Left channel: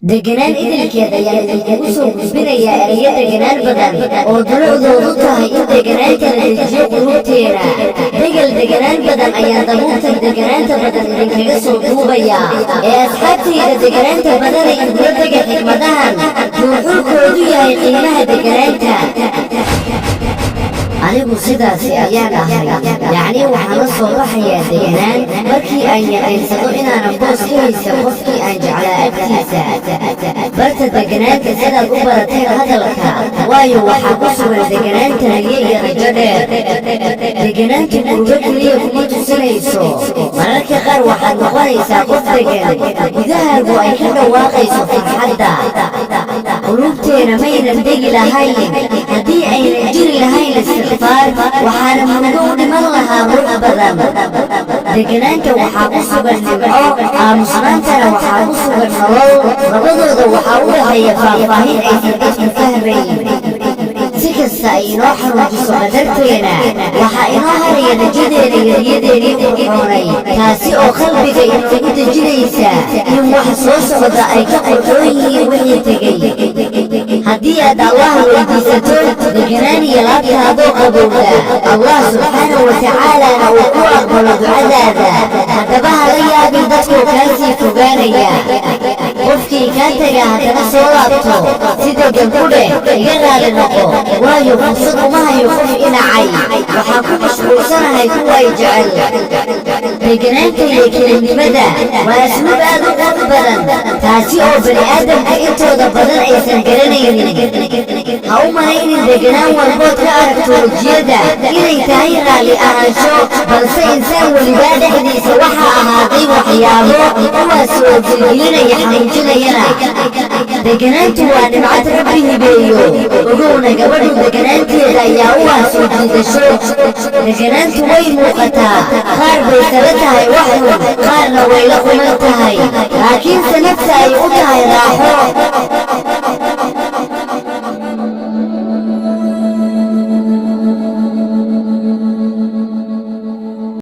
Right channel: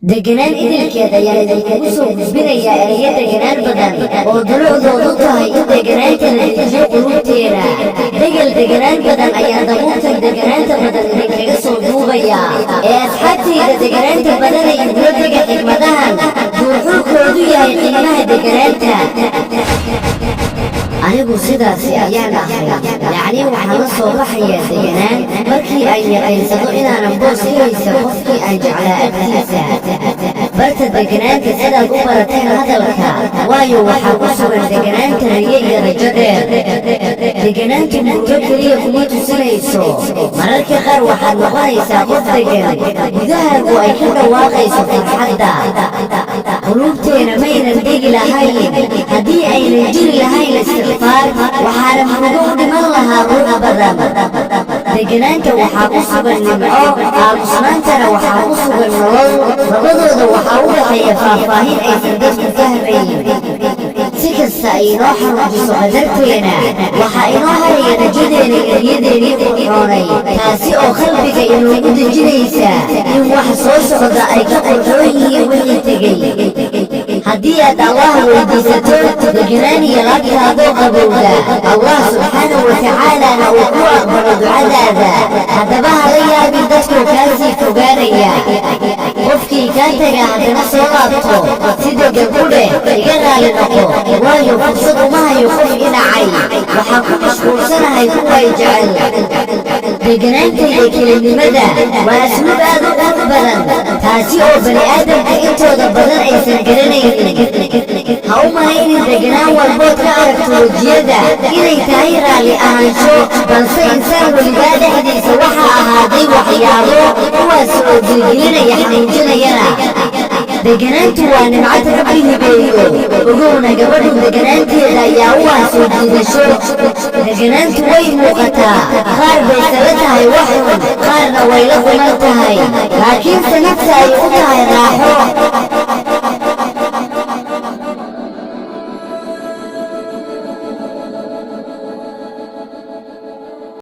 deganaan idilkeeda ayaan idinkugu soo gudbinayaa erayo deganaan badan oo dulucdoodu tahay in deganaanta la dejiyo qulubteena. degal deganaan badan ayaan dabuurtan deganaanta badan idinkaga soo duubayaa ee asxaabtayda deganaanta badanay igula dega xikmadahan duurxulkoodu yahay qiimaha deganaanta. anigu sidaasi ayaan ahay, yacni waxaan la soo baxayaa deganaan markii aan yaqiinsado inaanan boos ka haysa qofkii aan jeclaa agtiisa. barta deganaanta sidaad u barateen hadalka, waayo waxaa ku sugan deganaanta riyo iyo rajo dheer. deganaantu murugo keliya kuma tusinayso, mararka qaar waxaad noqonaysaa qof degan gudahaagu ay ka dhawaaqayso farxadda. qulubteena maynan degi lahayn haddii aynan jiri lahayn istikfaar, waxaana murugo u dhiman lahaa ruux badan. deganaanta waxaa ku sugan nimco, aamusnaantana waxaa ku sugan nolol. labadooda waxaa u dhaxeeya faahfaahin aysan dadku fahmayn. si kasta ay inoo xanuujiso qadarteena, waxaa inoo haraya rajadeena iyo riyadeennii qurxoonay, taasi oo qalbiga inoogu dejinaysa in wax soo socda ay ka qurxoon yihiin wixii tegey. haddii aad allah weydiisato deganaan iyo laabtaadoo qabowda, allah subxaanahu watacaalana uu ku aqbalo ducadaada. haddaba hala yaabin dadkoo kaa sii fogaanaya. qofkii kaa taga haddana soo laabto, si degan ku dheh iga raali noqo, waayo fursad uma hayo qof inacay, waxaan ku mashquulsanahay kuwa i jecel. deganaanta iyo kelinimada waa asluub aad u qurux badan, taasi oo bani aadamka intooda badan aysan garanaynin. ha u malaynin deganaan walbood ka aragto wejiyada inay tahay raalli ahaansho, balse insaan welibaa dhexdiisa waxaa ahaaday waxyaabo kuwaas oo dilgelinaya xanuujinayana. deganaantu waa nimcad rabbi hibeeyo, ogowna gabadhu deganaanteeda ayaa u ah soo jiidasho. deganaantu way muuqataa, qaar bay sala tahay wax xun, qaarna way la quman tahay, laakiinse nafta ay u tahay raaxo.